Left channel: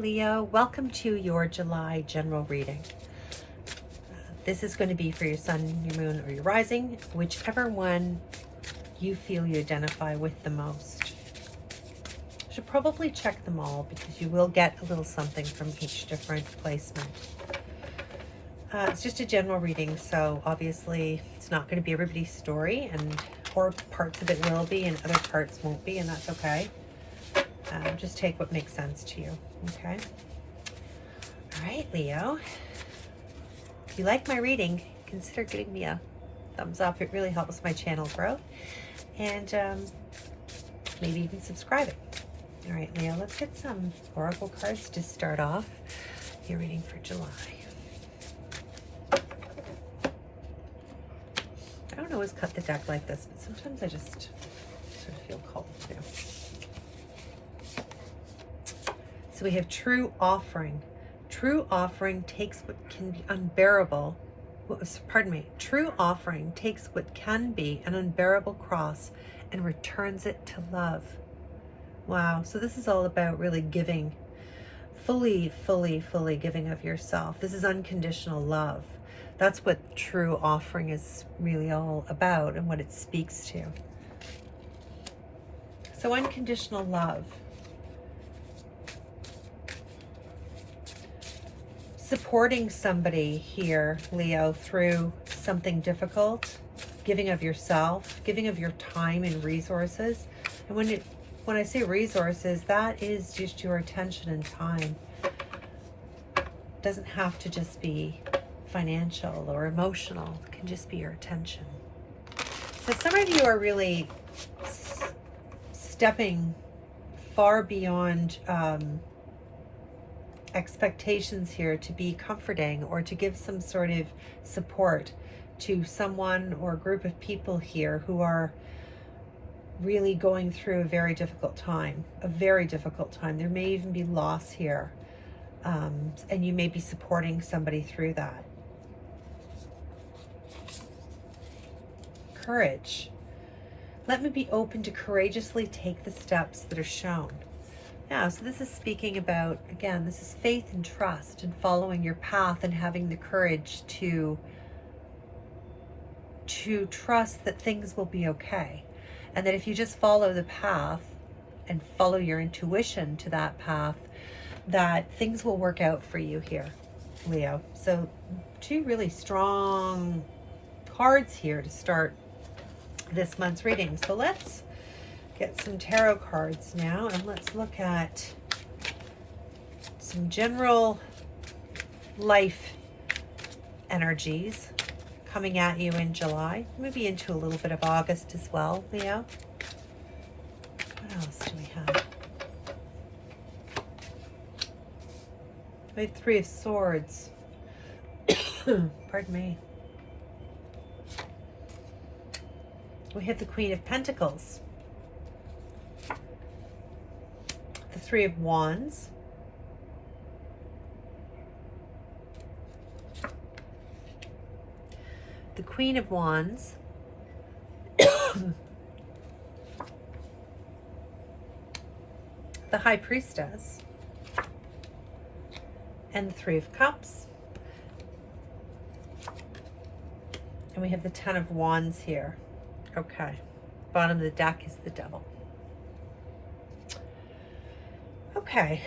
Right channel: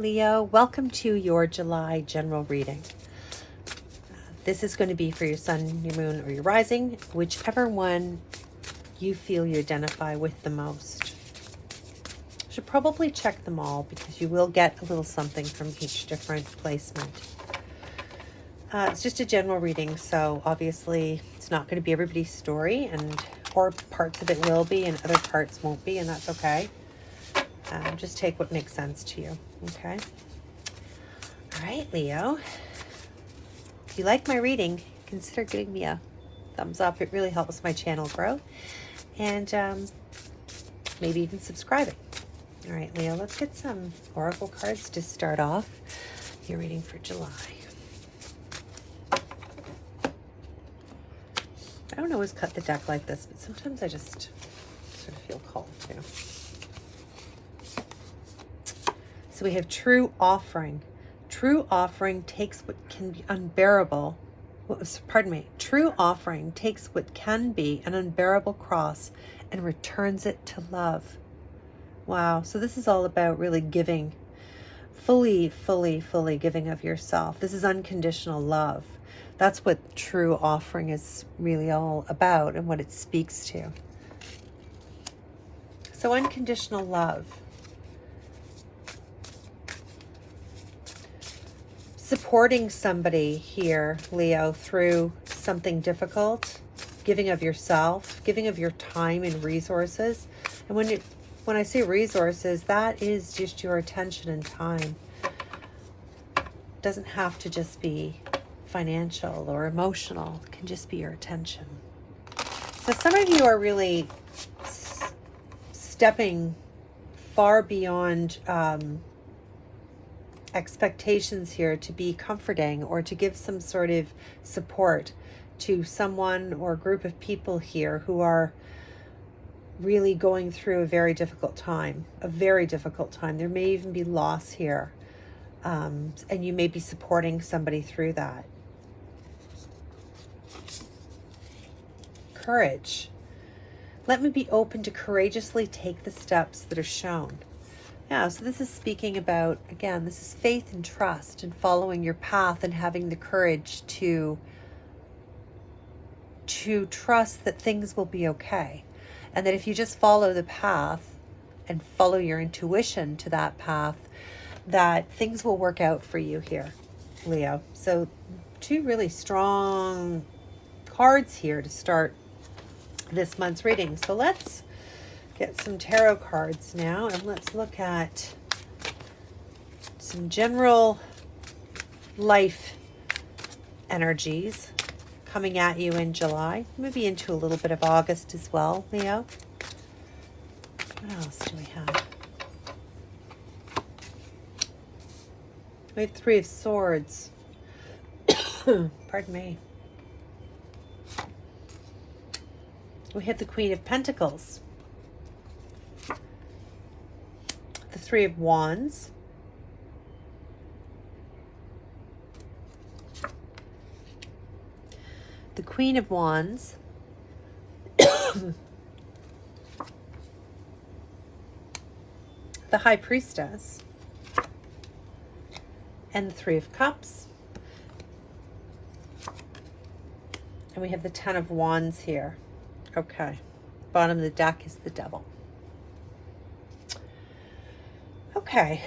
Leo, welcome to your July general reading. This is going to be for your sun, your moon, or your rising, whichever one you feel you identify with the most. You should probably check them all because you will get a little something from each different placement. It's just a general reading, so obviously it's not going to be everybody's story, or parts of it will be and other parts won't be, and that's okay. Just take what makes sense to you, okay? All right, Leo. If you like my reading, consider giving me a thumbs up. It really helps my channel grow. And maybe even subscribing. All right, Leo, let's get some oracle cards to start off your reading for July. I don't always cut the deck like this, but sometimes I just sort of feel called to. So we have true offering. True offering takes what can be unbearable. True offering takes what can be an unbearable cross and returns it to love. Wow. So this is all about really giving, fully giving of yourself. This is unconditional love. That's what true offering is really all about and what it speaks to. So unconditional love. Supporting somebody here, Leo, through something difficult, giving of yourself, giving of your time and resources. And when I say resources, that is just your attention and time. It doesn't have to just be financial or emotional. It can just be your attention. So some of you are really stepping far beyond expectations here to be comforting or to give some sort of support to someone or group of people here who are really going through a very difficult time, There may even be loss here, and you may be supporting somebody through that. Courage. Let me be open to courageously take the steps that are shown. Yeah, so this is speaking about, again, this is faith and trust and following your path and having the courage to trust that things will be okay. And that if you just follow the path and follow your intuition to that path, that things will work out for you here, Leo. So two really strong cards here to start this month's reading. So let's get some tarot cards now and let's look at some general life energies coming at you in July, maybe into a little bit of August as well, Leo. What else do we have? We have Three of Swords. Pardon me. We have the Queen of Pentacles. The Three of Wands. The Queen of Wands. The High Priestess. And the Three of Cups. And we have the Ten of Wands here. Okay. Bottom of the deck is the Devil. Okay.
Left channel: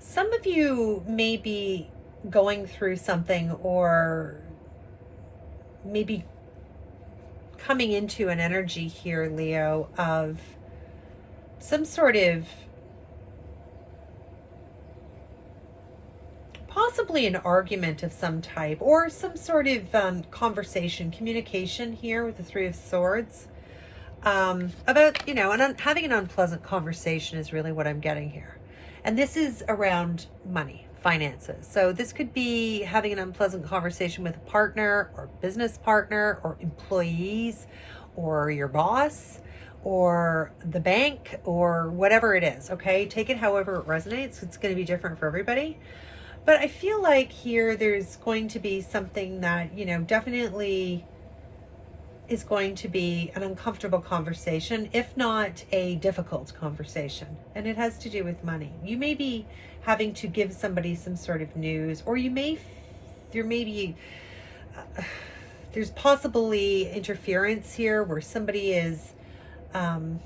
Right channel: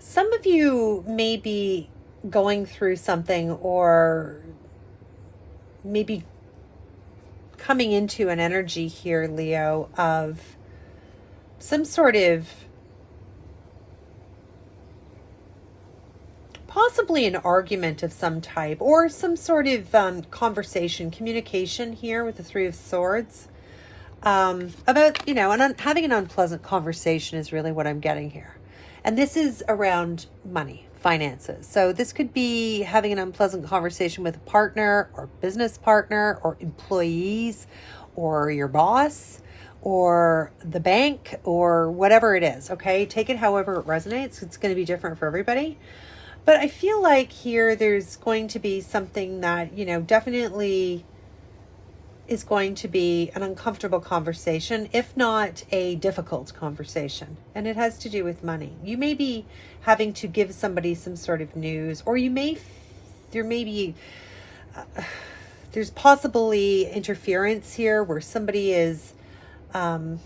Some of you may be going through something or maybe coming into an energy here, Leo, of some sort of possibly an argument of some type or some sort of conversation, communication here with the Three of Swords about, having an unpleasant conversation is really what I'm getting here. And this is around money, finances. So this could be having an unpleasant conversation with a partner or business partner or employees or your boss or the bank or whatever it is, okay? Take it however it resonates. It's going to be different for everybody. But I feel like here there's going to be something that, you know, definitely is going to be an uncomfortable conversation, if not a difficult conversation. And it has to do with money. You may be having to give somebody some sort of news, or there may be, there's possibly interference here where somebody is, there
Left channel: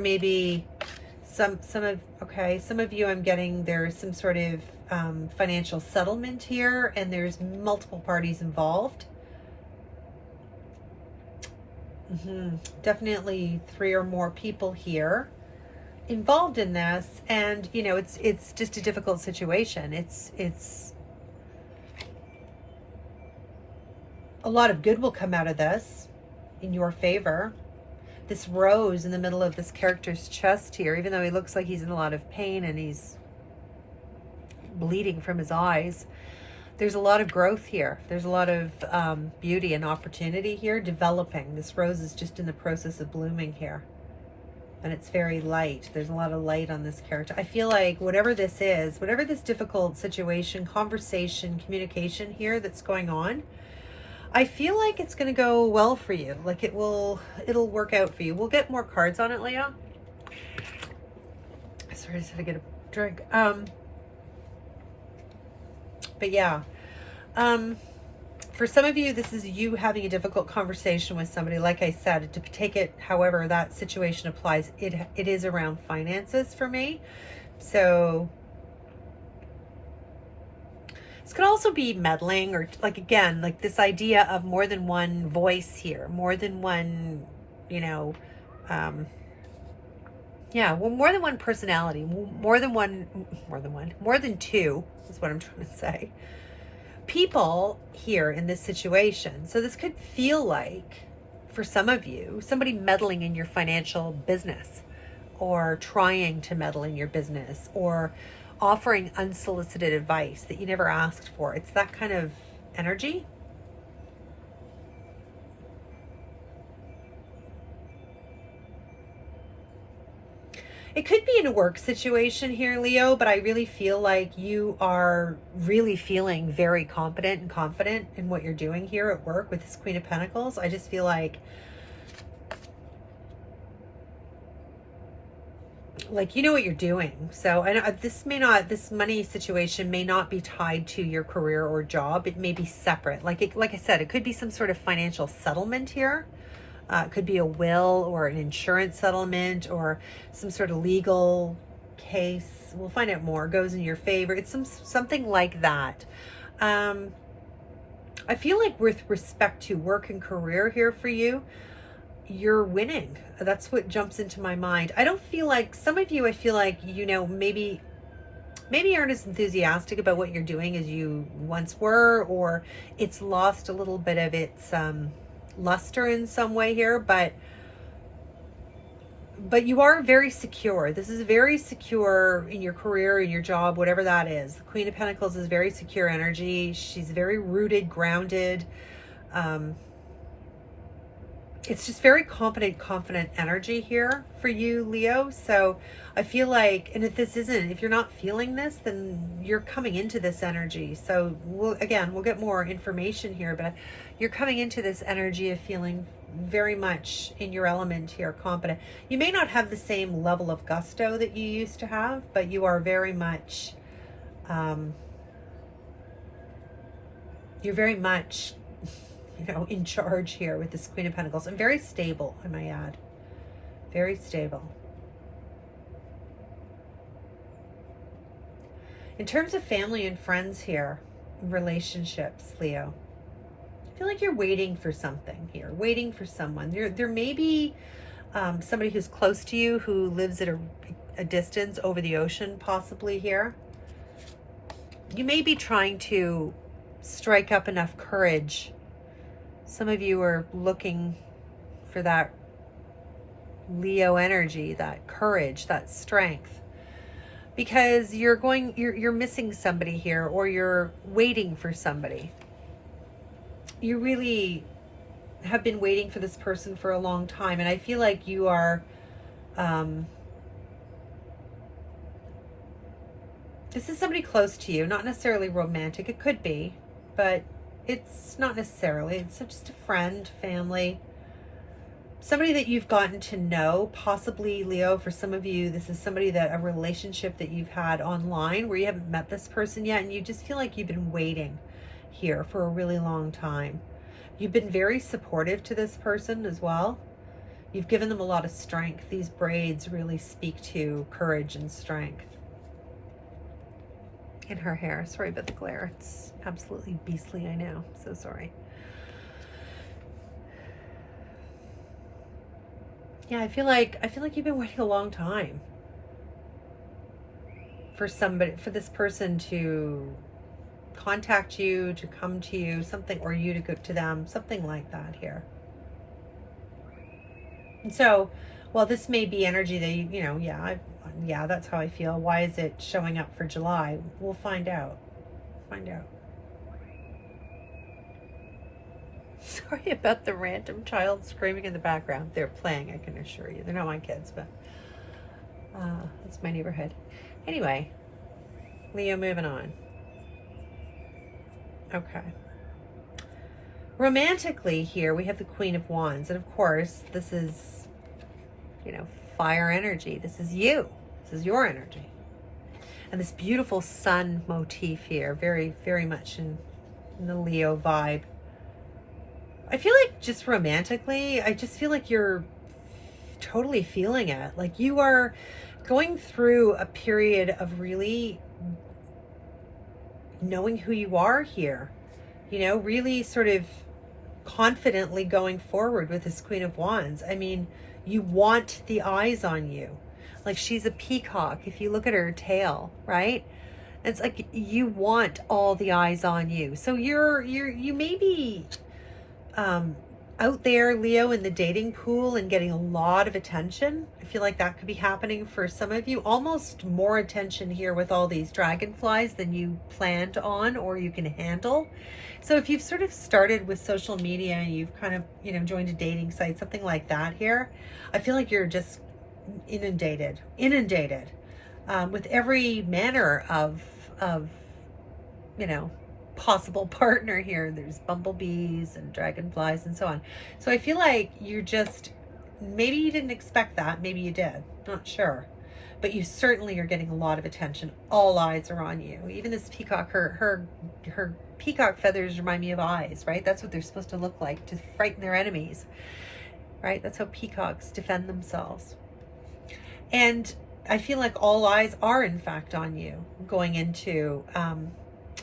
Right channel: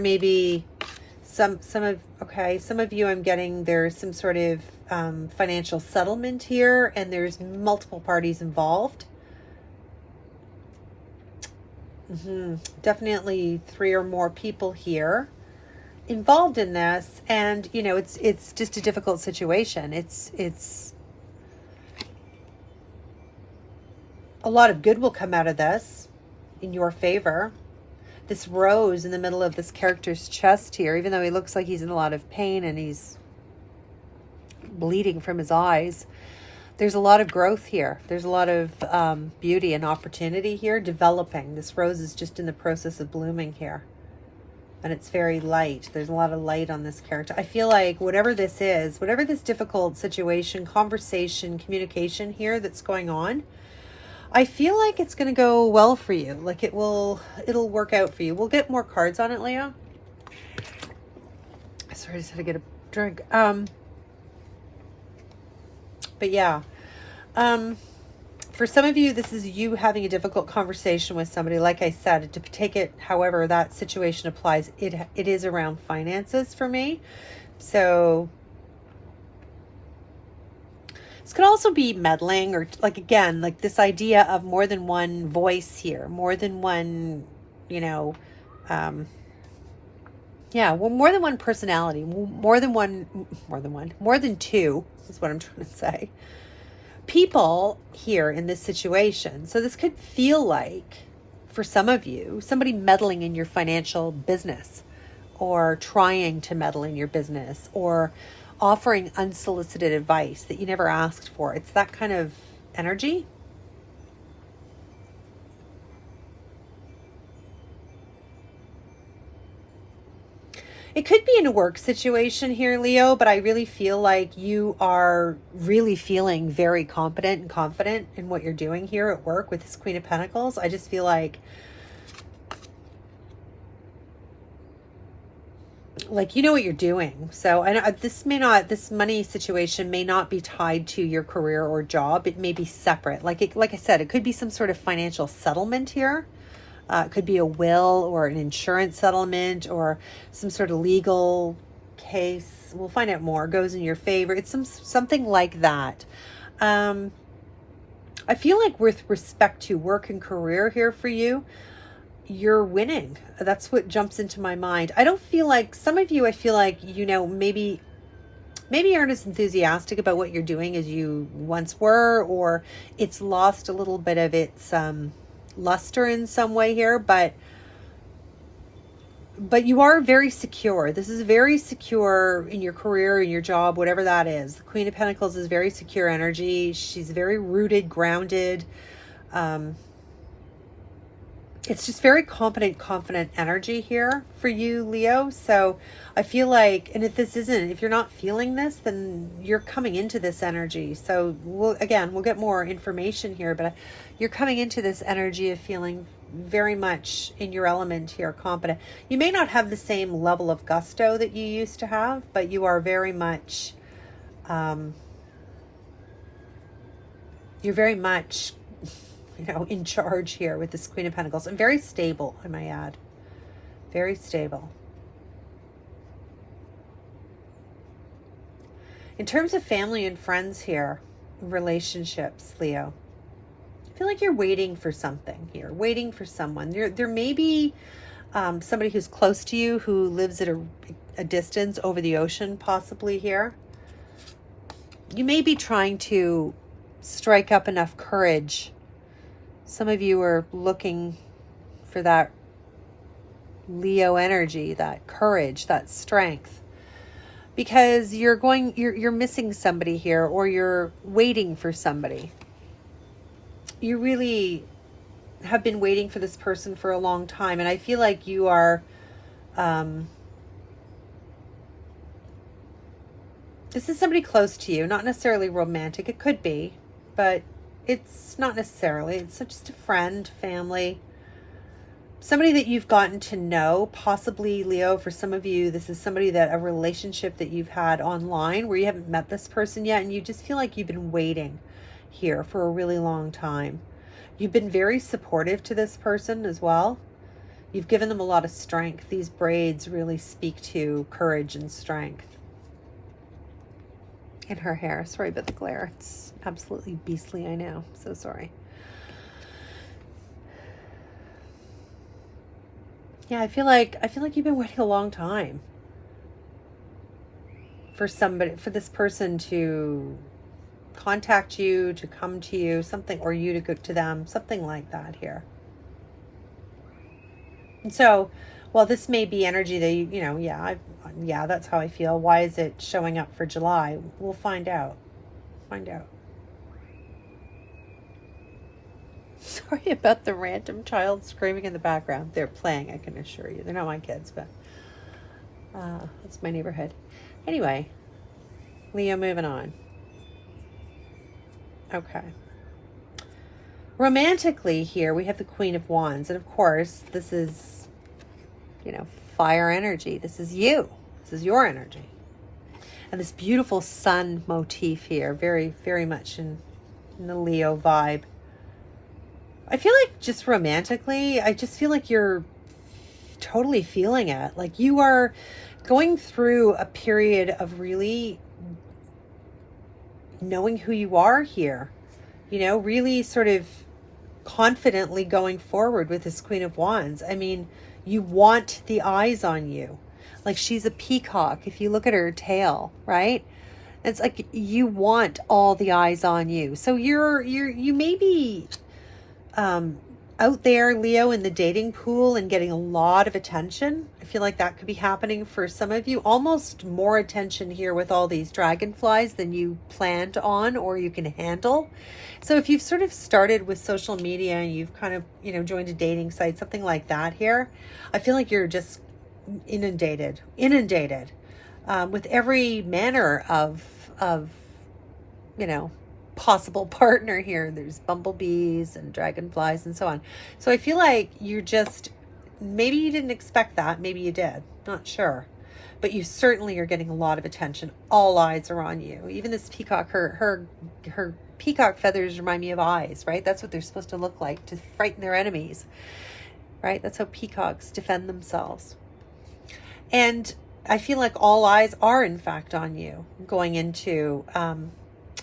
may be some of you, I'm getting there's some sort of financial settlement here, and there's multiple parties involved. Definitely 3 or more people here involved in this, and you know, it's just a difficult situation. It's a lot of good will come out of this in your favor. This rose in the middle of this character's chest here, even though he looks like he's in a lot of pain and he's bleeding from his eyes, there's a lot of growth here. There's a lot of beauty and opportunity here developing. This rose is just in the process of blooming here. And it's very light. There's a lot of light on this character. I feel like whatever this is, whatever this difficult situation, conversation, communication here that's going on, I feel like it's going to go well for you. Like it'll work out for you. We'll get more cards on it, Leo. Sorry, I just had to get a drink. But yeah, for some of you, this is you having a difficult conversation with somebody. Like I said, to take it however that situation applies, it is around finances for me. So this could also be meddling, or like, again, like this idea of more than one voice here, more than one, you know, yeah, well, more than one personality, more than two is what I'm trying to say. People here in this situation. So this could feel like, for some of you, somebody meddling in your financial business, or trying to meddle in your business, or offering unsolicited advice that you never asked for. It's that kind of energy. It could be in a work situation here, Leo, but I really feel like you are really feeling very competent and confident in what you're doing here at work with this Queen of Pentacles. I just feel like you know what you're doing. So I know this money situation may not be tied to your career or job. It may be separate. Like I said, it could be some sort of financial settlement here. It could be a will or an insurance settlement or some sort of legal case. We'll find out more. Goes in your favor. It's something like that. I feel like with respect to work and career here for you, you're winning. That's what jumps into my mind. I don't feel like, some of you, I feel like, you know, maybe aren't as enthusiastic about what you're doing as you once were, or it's lost a little bit of its luster in some way here, but you are very secure. This is very secure in your career, in your job, whatever that is. The Queen of Pentacles is very secure energy. She's very rooted, grounded. It's just very confident energy here for you, Leo. So I feel like, and if you're not feeling this, then you're coming into this energy. So we'll get more information here, but you're coming into this energy of feeling very much in your element here, confident. You may not have the same level of gusto that you used to have, but you are very much, you're very much, you know, in charge here with this Queen of Pentacles, and very stable, I might add. Very stable. In terms of family and friends here, relationships, Leo, I feel like you're waiting for something here, waiting for someone. There may be somebody who's close to you who lives at a distance over the ocean, possibly here. You may be trying to strike up enough courage. Some of you are looking for that Leo energy, that courage, that strength, because you're missing somebody here, or you're waiting for somebody. You really have been waiting for this person for a long time, and I feel like you are This is somebody close to you, not necessarily romantic. It could be, but it's not necessarily. It's just a friend, family, somebody that you've gotten to know. Possibly, Leo, for some of you, this is somebody that a relationship that you've had online where you haven't met this person yet, and you just feel like you've been waiting here for a really long time. You've been very supportive to this person as well. You've given them a lot of strength. These braids really speak to courage and strength. In her hair. Sorry about the glare. It's absolutely beastly, I know. So sorry. Yeah, I feel like you've been waiting a long time for this person to contact you, to come to you, something, or you to go to them, something like that here. And so, well, this may be energy that yeah, that's how I feel. Why is it showing up for July? We'll find out. Sorry about the random child screaming in the background. They're playing, I can assure you. They're not my kids, but it's my neighborhood. Anyway, Leo, moving on. Okay. Romantically here, we have the Queen of Wands. And of course, this is, fire energy. This is you. This is your energy. And this beautiful sun motif here, very, very much in the Leo vibe. I feel like just romantically, I just feel like you're totally feeling it. Like you are going through a period of really knowing who you are here. Really sort of confidently going forward with this Queen of Wands. I mean, you want the eyes on you. Like she's a peacock. If you look at her tail, right? It's like you want all the eyes on you. So you may be out there, Leo, in the dating pool and getting a lot of attention. I feel like that could be happening for some of you. Almost more attention here with all these dragonflies than you planned on or you can handle. So if you've sort of started with social media and you've kind of, joined a dating site, something like that here, I feel like you're just inundated with every manner of possible partner here. There's bumblebees and dragonflies and so on. So I feel like you're just, maybe you didn't expect that, maybe you did, not sure, but you certainly are getting a lot of attention. All eyes are on you. Even this peacock, her peacock feathers remind me of eyes, right? That's what they're supposed to look like, to frighten their enemies, right? That's how peacocks defend themselves. And I feel like all eyes are in fact on you going into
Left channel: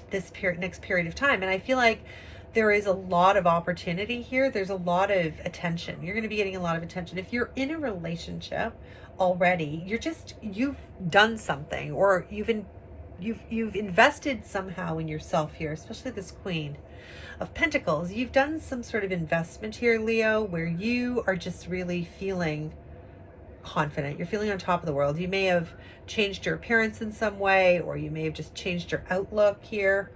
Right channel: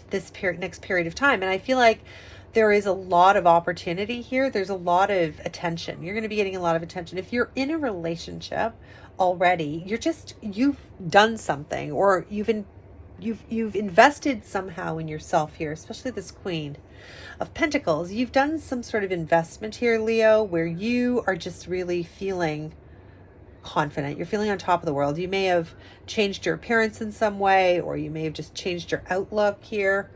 this next period of time. And I feel like there is a lot of opportunity here. There's a lot of attention. You're going to be getting a lot of attention. If you're in a relationship already, you've done something, or you've invested somehow in yourself here, especially this Queen of Pentacles. You've done some sort of investment here, Leo, where you are just really feeling confident. You're feeling on top of the world. You may have changed your appearance in some way, or you may have just changed your outlook here.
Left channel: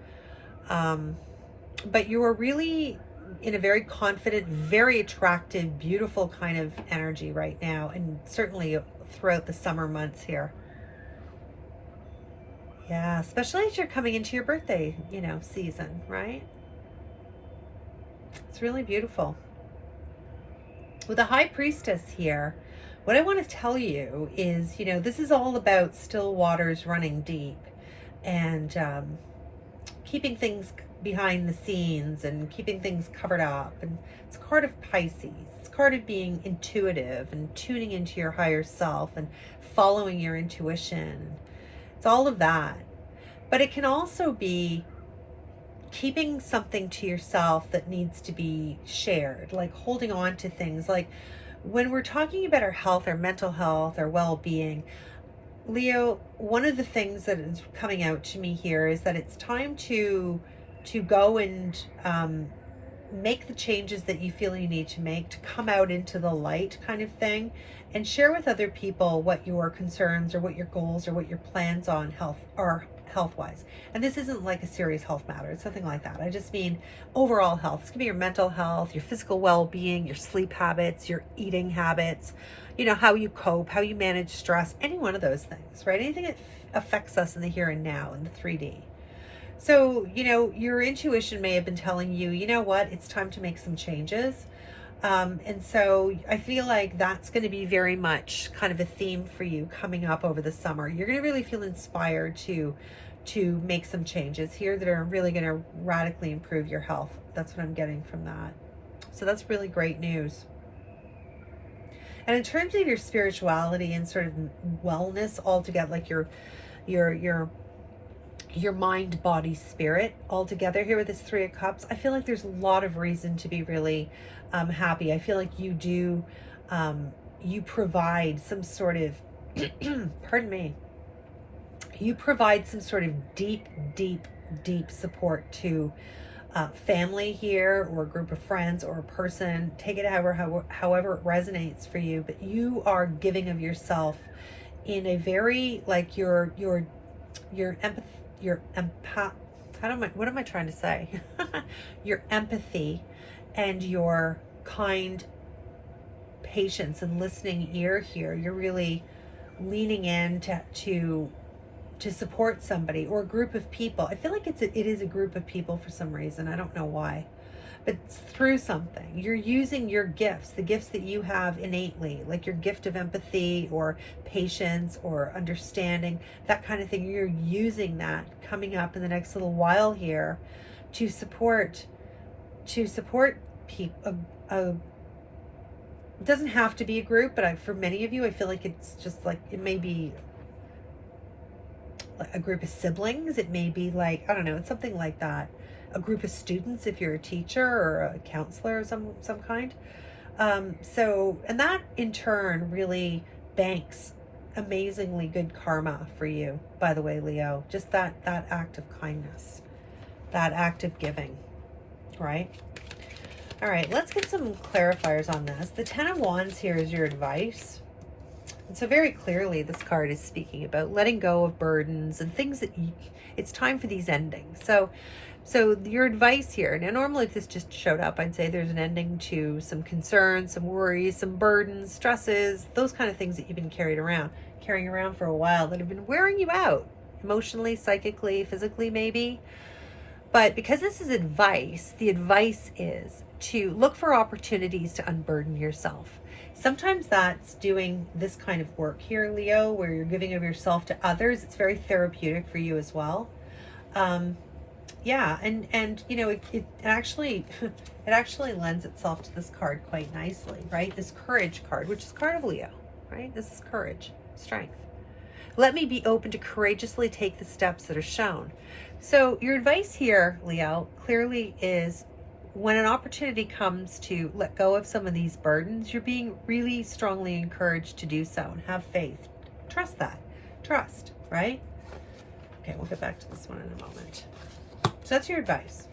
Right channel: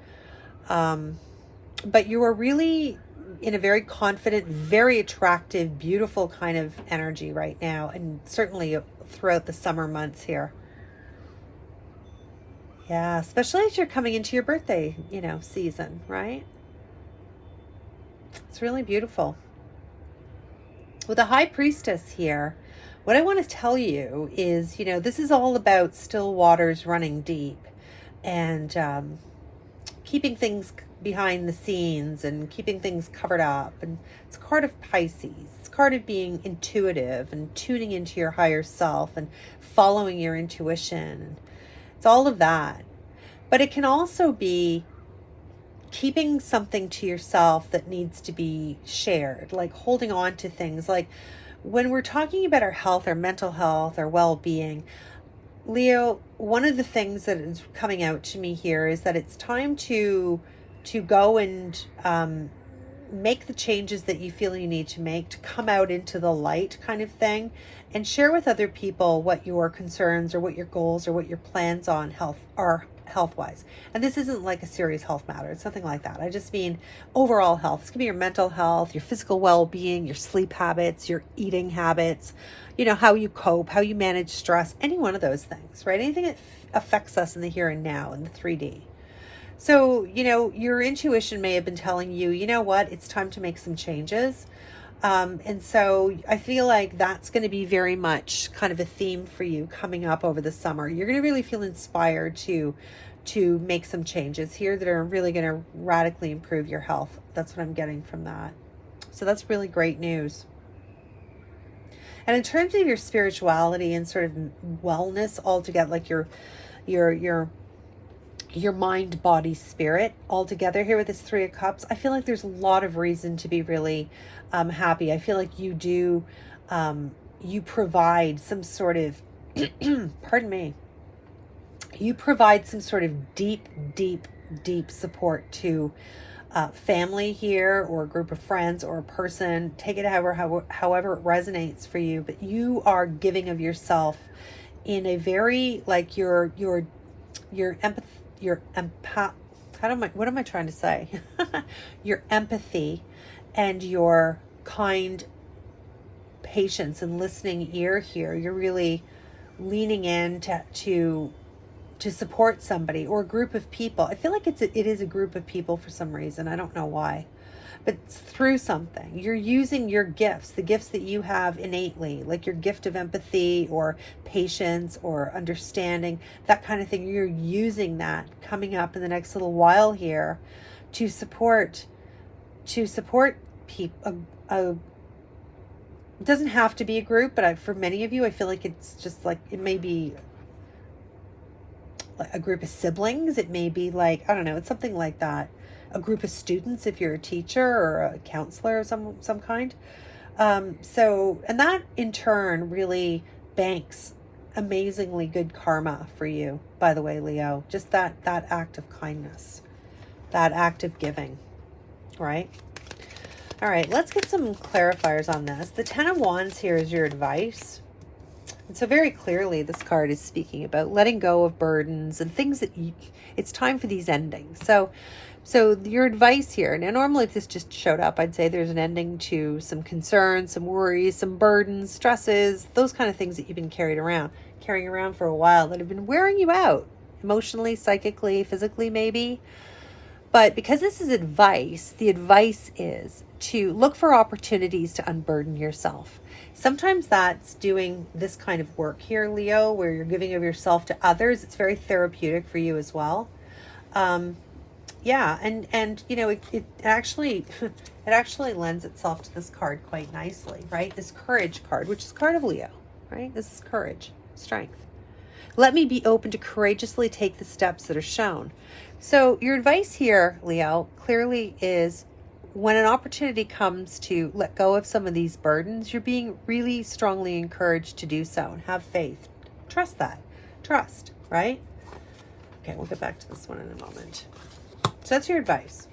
But you are really in a very confident, very attractive, beautiful kind of energy right now, and certainly throughout the summer months here. Yeah, especially as you're coming into your birthday, season, right? It's really beautiful. With the High Priestess here, what I want to tell you is, this is all about still waters running deep and keeping things behind the scenes and keeping things covered up. And it's a card of Pisces. It's a card of being intuitive and tuning into your higher self and following your intuition. It's all of that. But it can also be keeping something to yourself that needs to be shared, like holding on to things. Like when we're talking about our health, our mental health, our well-being, Leo, one of the things that is coming out to me here is that it's time to go and make the changes that you feel you need to make, to come out into the light kind of thing, and share with other people what your concerns or what your goals or what your plans on health-wise. And this isn't like a serious health matter. It's nothing like that. I just mean overall health. This could be your mental health, your physical well-being, your sleep habits, your eating habits, how you cope, how you manage stress, any one of those things, right? Anything that affects us in the here and now, in the 3D. So, you know, your intuition may have been telling you, you know what, it's time to make some changes. And so I feel like that's going to be very much kind of a theme for you coming up over the summer. You're going to really feel inspired to make some changes here that are really going to radically improve your health. That's what I'm getting from that. So that's really great news. And in terms of your spirituality and sort of wellness altogether, like your mind, body, spirit all together here with this 3 of Cups, I feel like there's a lot of reason to be really happy. I feel like you do, you provide some sort of, pardon me, you provide some sort of deep support to family here, or a group of friends, or a person. Take it however it resonates for you, but you are giving of yourself in a very, like, your empathy, what am I trying to say? Your empathy and your kind patience and listening ear here. You're really leaning in to support somebody or a group of people. I feel like it is a group of people for some reason. I don't know why, but it's through something. You're using your gifts, the gifts that you have innately, like your gift of empathy or patience or understanding, that kind of thing. You're using that coming up in the next little while here to support people. It doesn't have to be a group, but for many of you, I feel like it's just like, it may be a group of siblings. It may be like, I don't know, it's something like that. A group of students if you're a teacher or a counselor of some kind. So, and that in turn really banks amazingly good karma for you, by the way, Leo. Just that act of kindness, that act of giving, right? All right, let's get some clarifiers on this. The 10 of Wands here is your advice. And so very clearly, this card is speaking about letting go of burdens and things that it's time for these endings. So your advice here, now normally if this just showed up, I'd say there's an ending to some concerns, some worries, some burdens, stresses, those kind of things that you've been carrying around for a while that have been wearing you out emotionally, psychically, physically maybe. But because this is advice, the advice is to look for opportunities to unburden yourself. Sometimes that's doing this kind of work here, Leo, where you're giving of yourself to others. It's very therapeutic for you as well. Yeah, and you know, it actually lends itself to this card quite nicely, right? This courage card, which is card of Leo, right? This is courage, strength. Let me be open to courageously take the steps that are shown. So your advice here, Leo, clearly is when an opportunity comes to let go of some of these burdens, you're being really strongly encouraged to do so and have faith. Trust that. Trust, right? Okay, we'll get back to this one in a moment. So that's your advice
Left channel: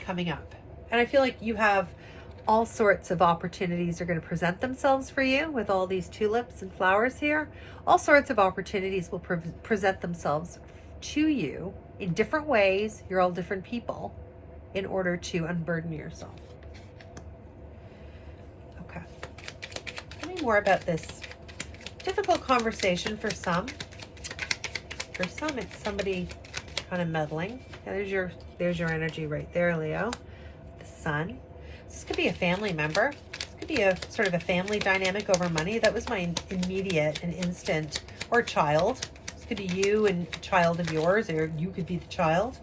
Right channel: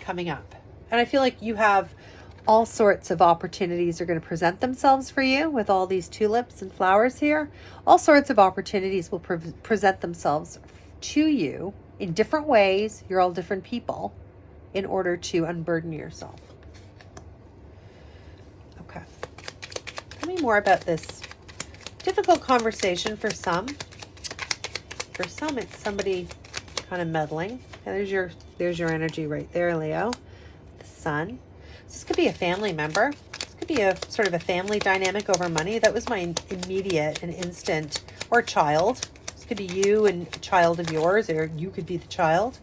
coming up. And I feel like you have all sorts of opportunities are going to present themselves for you with all these tulips and flowers here. All sorts of opportunities will present themselves to you in different ways. You're all different people in order to unburden yourself. Okay. Tell me more about this difficult conversation for some. For some, it's somebody kind of meddling. And there's your energy right there, Leo. The Sun. This could be a family member. This could be a sort of a family dynamic over money. That was my immediate and instant, or a child. This could be you and a child of yours, or you could be the child.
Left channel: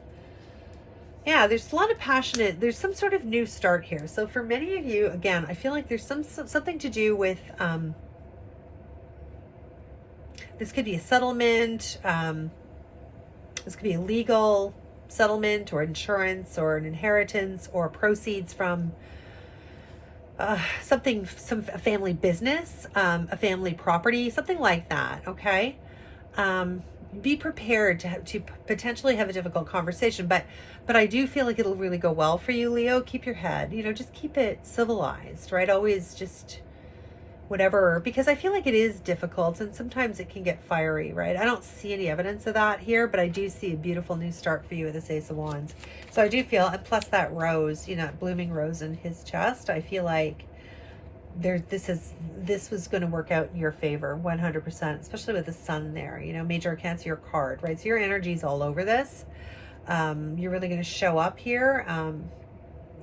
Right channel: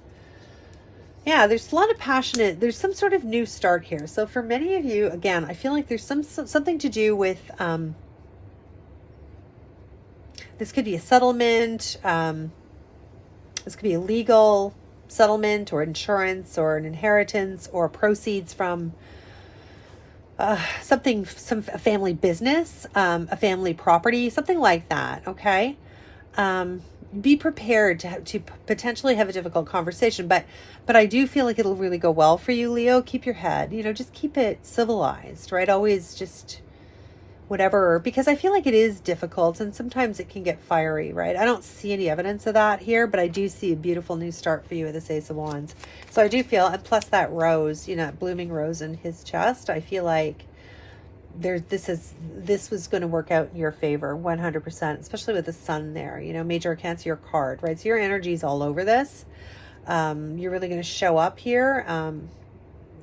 Yeah, there's a lot of passionate, there's some sort of new start here. So for many of you, again, I feel like there's something to do with, this could be a settlement, this could be a legal settlement or insurance or an inheritance or proceeds from a family business, a family property, something like that, okay? Be prepared to potentially have a difficult conversation, but I do feel like it'll really go well for you, Leo. Keep your head, just keep it civilized, right? Always just whatever, because I feel like it is difficult and sometimes it can get fiery, right? I don't see any evidence of that here, but I do see a beautiful new start for you with this Ace of Wands. So I do feel, and plus that rose, blooming rose in his chest, I feel like this was going to work out in your favor 100%, especially with the sun there, you know, major Cancer card, right? So your energy's all over this. You're really going to show up here.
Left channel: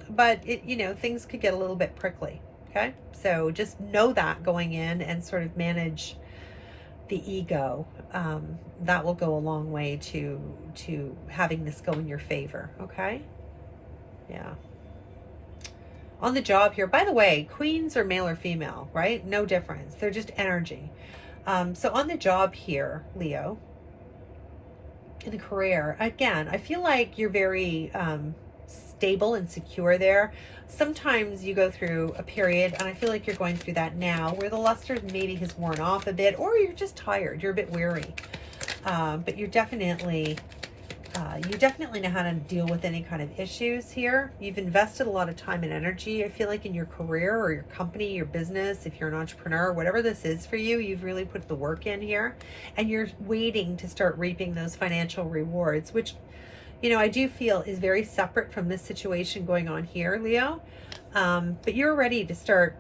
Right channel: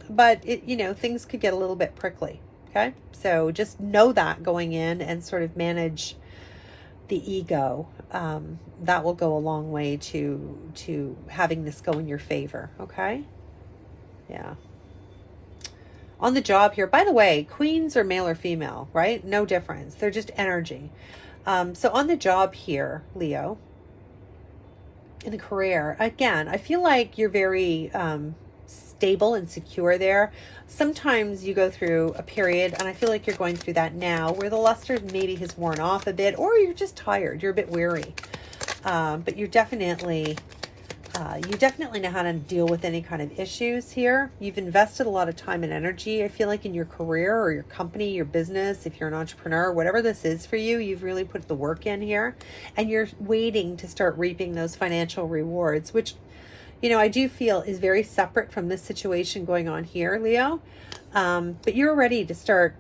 But it, you know, things could get a little bit prickly. Okay. So just know that going in and sort of manage the ego. That will go a long way to having this go in your favor. Okay. Yeah. On the job here, by the way, queens are male or female, right? No difference. They're just energy. So on the job here, Leo, in the career, again, I feel like you're very stable and secure there. Sometimes you go through a period, and I feel like you're going through that now, where the luster maybe has worn off a bit, or you're just tired. You're a bit weary. But you're definitely... you definitely know how to deal with any kind of issues here. You've invested a lot of time and energy, I feel like, in your career or your company, your business, if you're an entrepreneur, whatever this is for you, you've really put the work in here. And you're waiting to start reaping those financial rewards, which, you know, I do feel is very separate from this situation going on here, Leo. But you're ready to start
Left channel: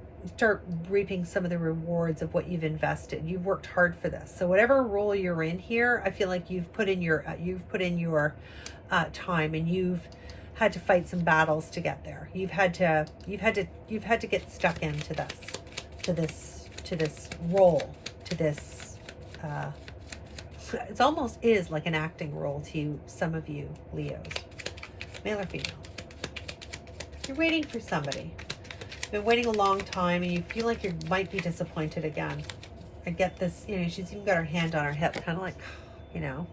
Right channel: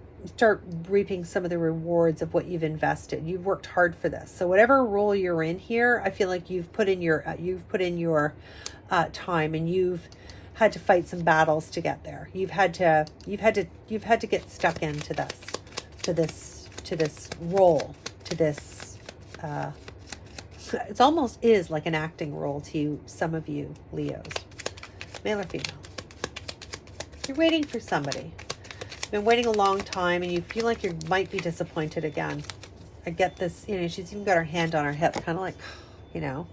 reaping some of the rewards of what you've invested. You've worked hard for this. So whatever role you're in here, I feel like you've put in your time, and you've had to fight some battles to get there. You've had to get stuck into this role, to this it almost is like an acting role to you, some of you Leos, male or female. You're waiting for somebody. Been waiting a long time, and you feel like you might be disappointed again. I get this, you know, she's even got her hand on her hip, kind of like, you know,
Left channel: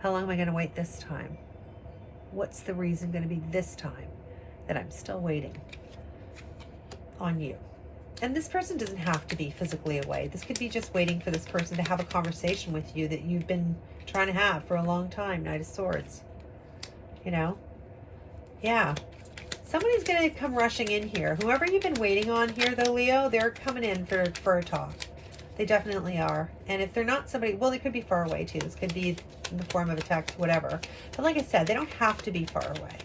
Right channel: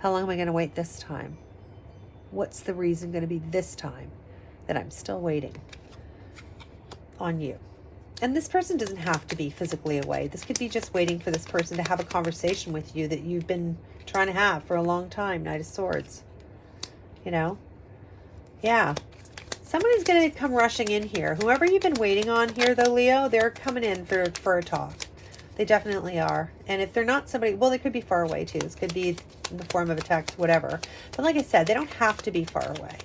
how long am I going to wait this time? What's the reason going to be this time that I'm still waiting on you? And this person doesn't have to be physically away. This could be just waiting for this person to have a conversation with you that you've been trying to have for a long time. Knight of Swords, you know? Yeah. Somebody's going to come rushing in here. Whoever you've been waiting on here, though, Leo, they're coming in for a talk. They definitely are. And if they're not somebody, well, they could be far away, too. This could be in the form of a text, whatever. But like I said, they don't have to be far away.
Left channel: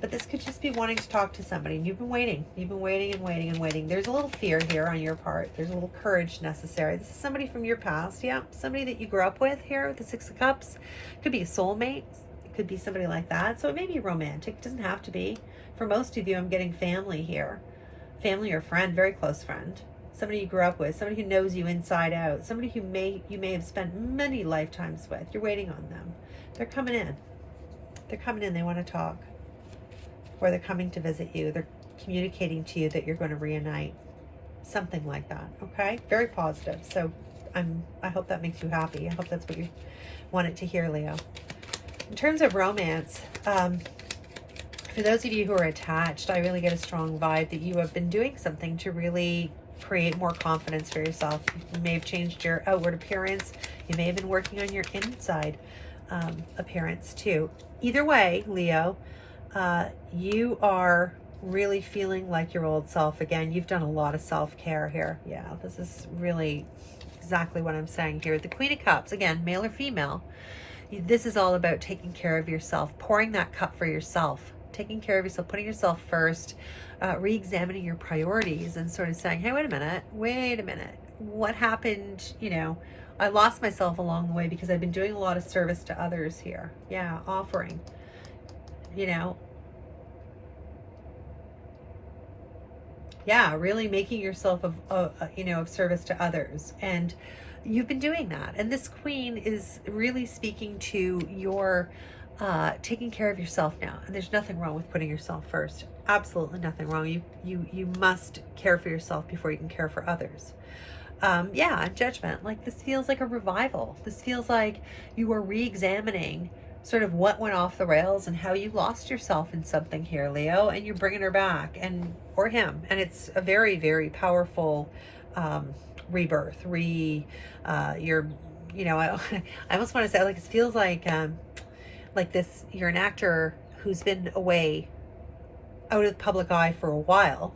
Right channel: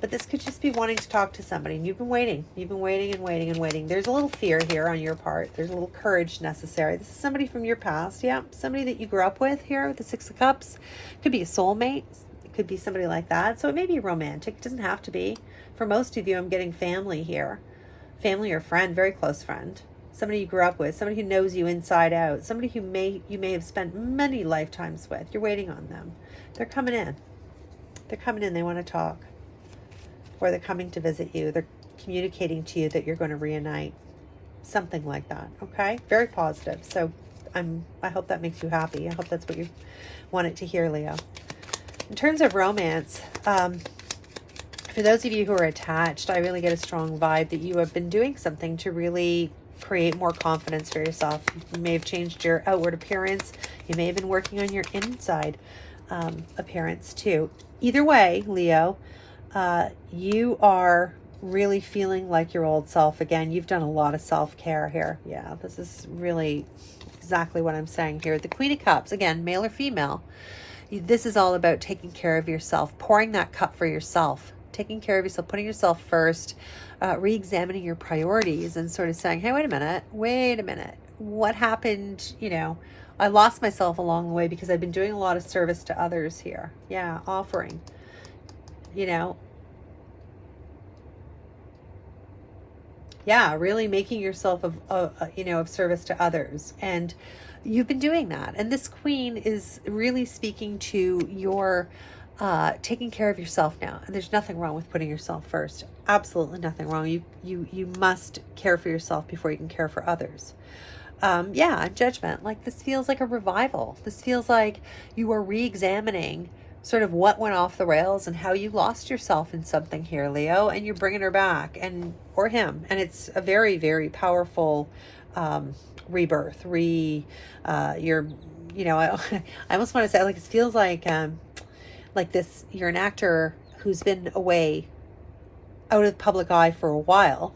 But this could just be wanting to talk to somebody. You've been waiting. You've been waiting and waiting and waiting. There's a little fear here on your part. There's a little courage necessary. This is somebody from your past. Yeah, somebody that you grew up with here, the Six of Cups. Could be a soulmate. Could be somebody like that. So it may be romantic. It doesn't have to be. For most of you, I'm getting family here. Family or friend, very close friend. Somebody you grew up with, somebody who knows you inside out, somebody who you may have spent many lifetimes with. You're waiting on them. They're coming in. They're coming in. They want to talk. Or they're coming to visit you. They're communicating to you that you're going to reunite. Something like that. Okay? Very positive. So I hope that makes you happy. I hope that's what you wanted to hear, Leo. In terms of romance, for those of you who are attached, I really get a strong vibe that you have been doing something to really create more confidence for yourself. You may have changed your outward appearance. You may have been working on your inside appearance too. Either way, Leo, you are really feeling like your old self again. You've done a lot of self-care here. Yeah, this is really exactly what I'm saying here. The Queen of Cups, again, male or female. This is all about taking care of yourself, pouring that cup for yourself, taking care of yourself, putting yourself first, re-examining your priorities and sort of saying, hey, wait a minute. What happened? You know, I lost myself along the way because I've been doing a lot of service to others here. Yeah, offering, you know. Yeah, really making yourself of service to others. And you've been doing that. And this queen is really speaking to your taking care of yourself now. And there's nothing wrong with putting yourself first. Absolutely nothing wrong. You must care for yourself before you can care for others. Yeah, judgment. Like, this feels like a revival. This feels like you are re-examining sort of what went off the rails and how you lost yourself in something here, Leo, and you're bringing her back, or him. And it's a very, very powerful rebirth. I almost want to say, like, it feels like this, you're an actor who's been away out of public eye for a while.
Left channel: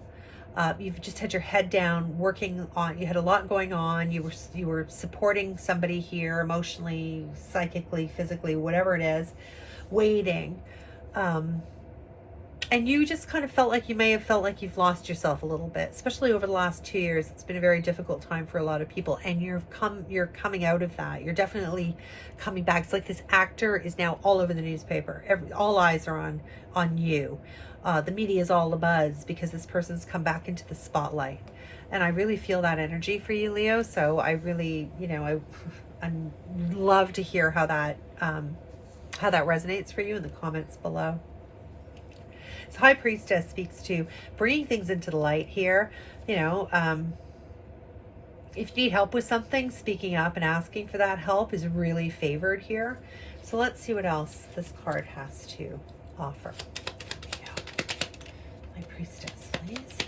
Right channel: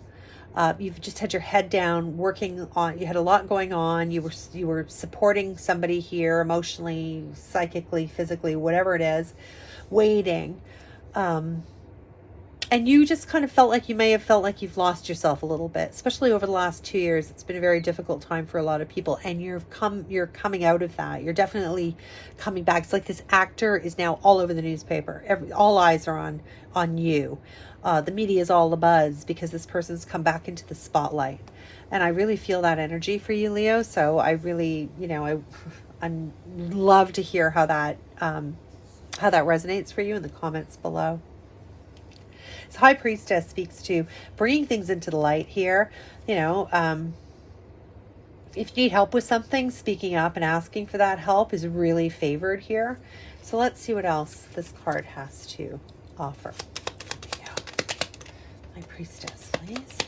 You've just had your head down working on, you had a lot going on. You were supporting somebody here emotionally, psychically, physically, whatever it is, waiting. And And you just kind of felt like you may have felt like you've lost yourself a little bit, especially over the last 2 years. It's been a very difficult time for a lot of people, and you're coming out of that. You're definitely coming back. It's like this actor is now all over the newspaper. All eyes are on you. The media is all abuzz because this person's come back into the spotlight. And I really feel that energy for you, Leo. So I really, I love to hear how that resonates for you in the comments below. So High Priestess speaks to bringing things into the light here. If you need help with something, speaking up and asking for that help is really favored here. So let's see what else this card has to offer. High Priestess, please.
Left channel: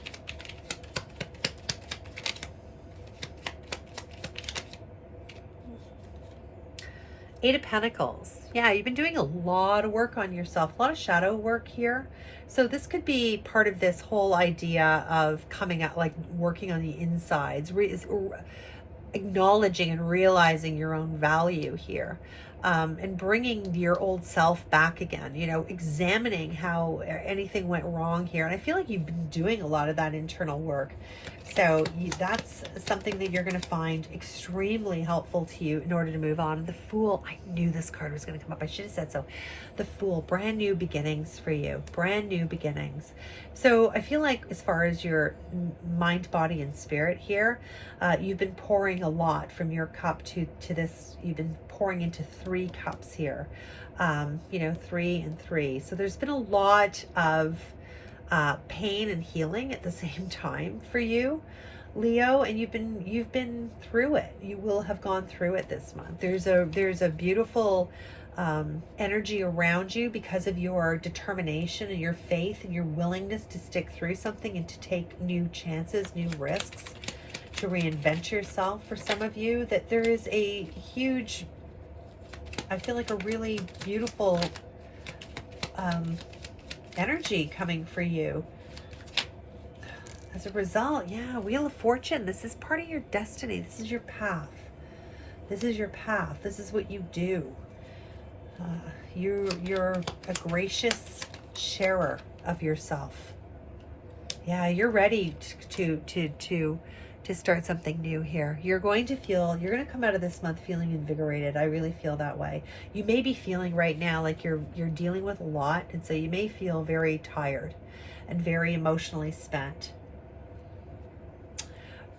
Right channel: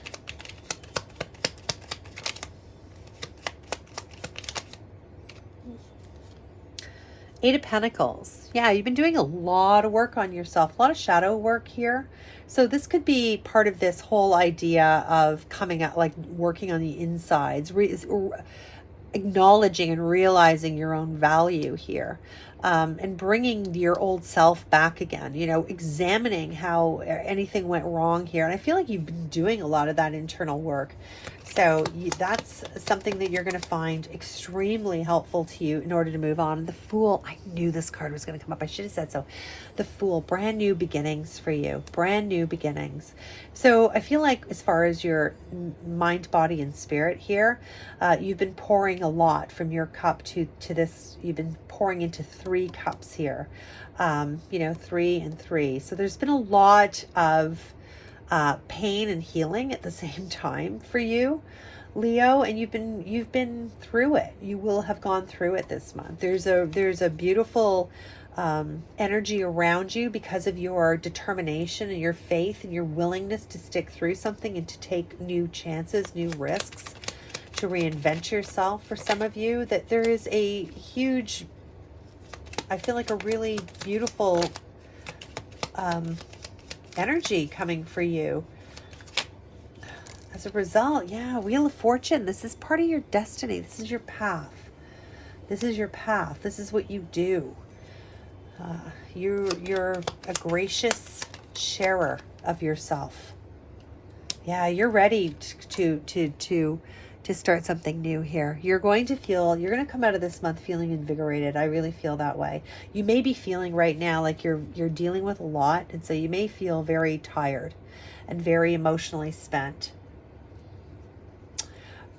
Eight of Pentacles. Yeah, you've been doing a lot of work on yourself, a lot of shadow work here. So this could be part of this whole idea of coming out, like working on the insides, acknowledging and realizing your own value here, and bringing your old self back again, examining how anything went wrong here. And I feel like you've been doing a lot of that internal work. So that's something that you're going to find extremely helpful to you in order to move on. The Fool, I knew this card was going to come up. I should have said so. The Fool, brand new beginnings for you, brand new beginnings. So I feel like as far as your mind, body, and spirit here, you've been pouring a lot from your cup to this. You've been pouring into 3 cups here, 3 and 3. So there's been a lot of pain and healing at the same time for you, Leo, and you've been through it. You will have gone through it this month. There's a beautiful energy around you because of your determination and your faith and your willingness to stick through something and to take new chances, new risks, to reinvent yourself. For some of you, that there is a huge, I feel like a really beautiful energy coming for you as a result. Yeah, Wheel of Fortune. This is part of your destiny. This is your path. This is your path. This is what you do. You're a gracious sharer of yourself. Yeah, you're ready to start something new here. You're going to come out of this month feeling invigorated. I really feel that way. You may be feeling right now like you're dealing with a lot, and so you may feel very tired and very emotionally spent.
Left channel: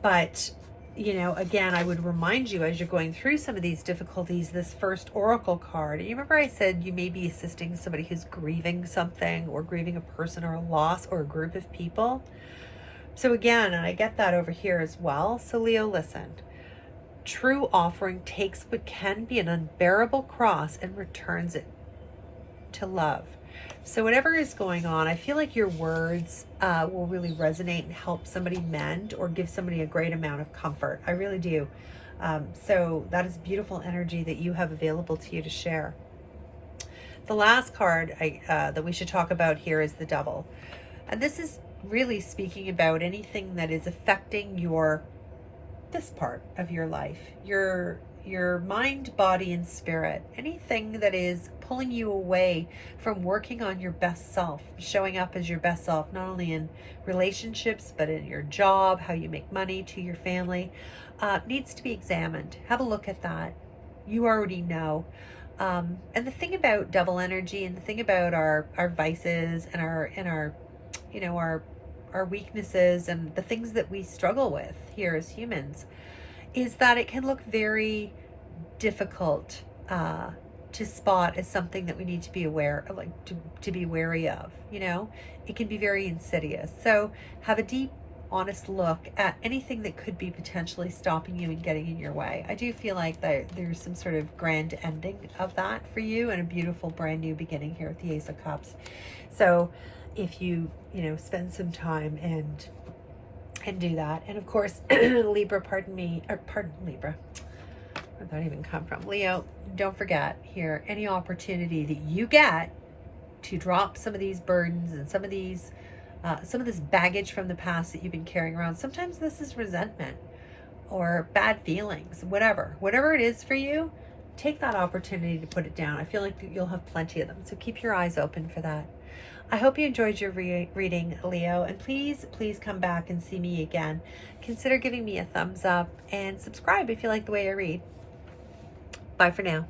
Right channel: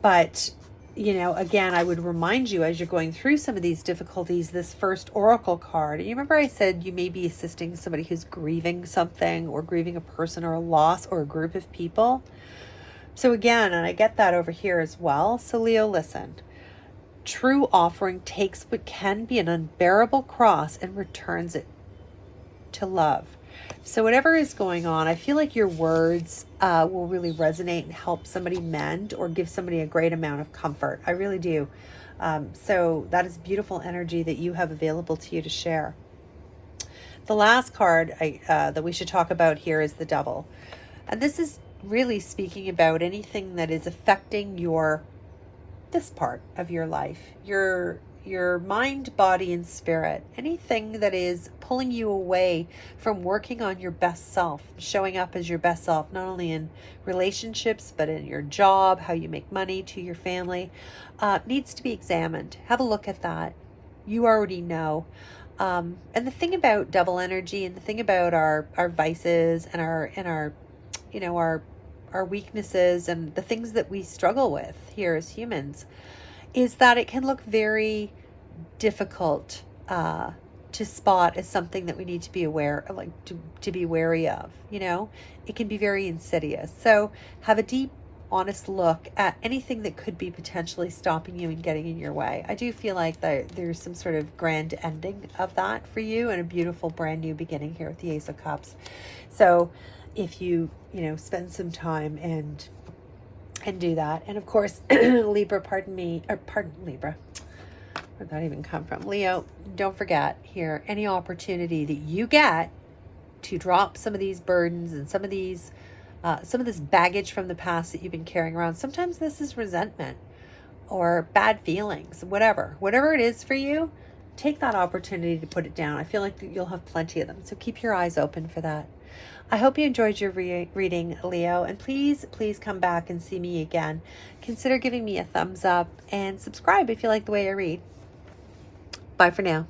But, again, I would remind you as you're going through some of these difficulties, this first Oracle card. You remember I said you may be assisting somebody who's grieving something, or grieving a person or a loss or a group of people. So again, and I get that over here as well. So Leo, listen. True offering takes what can be an unbearable cross and returns it to love. So whatever is going on, I feel like your words will really resonate and help somebody mend or give somebody a great amount of comfort. I really do. So that is beautiful energy that you have available to you to share. The last card that we should talk about here is the Devil. And this is really speaking about anything that is affecting this part of your life, your mind, body, and spirit. Anything that is pulling you away from working on your best self, showing up as your best self, not only in relationships, but in your job, how you make money, to your family, needs to be examined. Have a look at that. You already know. And the thing about Devil energy, and the thing about our vices and our weaknesses and the things that we struggle with here as humans, is that it can look very difficult to spot as something that we need to be aware, like to be wary of. It can be very insidious. So have a deep, honest look at anything that could be potentially stopping you and getting in your way. I do feel like there's some sort of grand ending of that for you, and a beautiful brand new beginning here with the Ace of Cups. So if you spend some time and do that. And of course, Libra, Libra, where'd that even come from? Leo, don't forget here, any opportunity that you get to drop some of these burdens and some of this baggage from the past that you've been carrying around. Sometimes this is resentment or bad feelings, whatever it is for you. take that opportunity to put it down. I feel like you'll have plenty of them. So keep your eyes open for that. I hope you enjoyed your reading, Leo, and please come back and see me again. Consider giving me a thumbs up and subscribe if you like the way I read. Bye for now.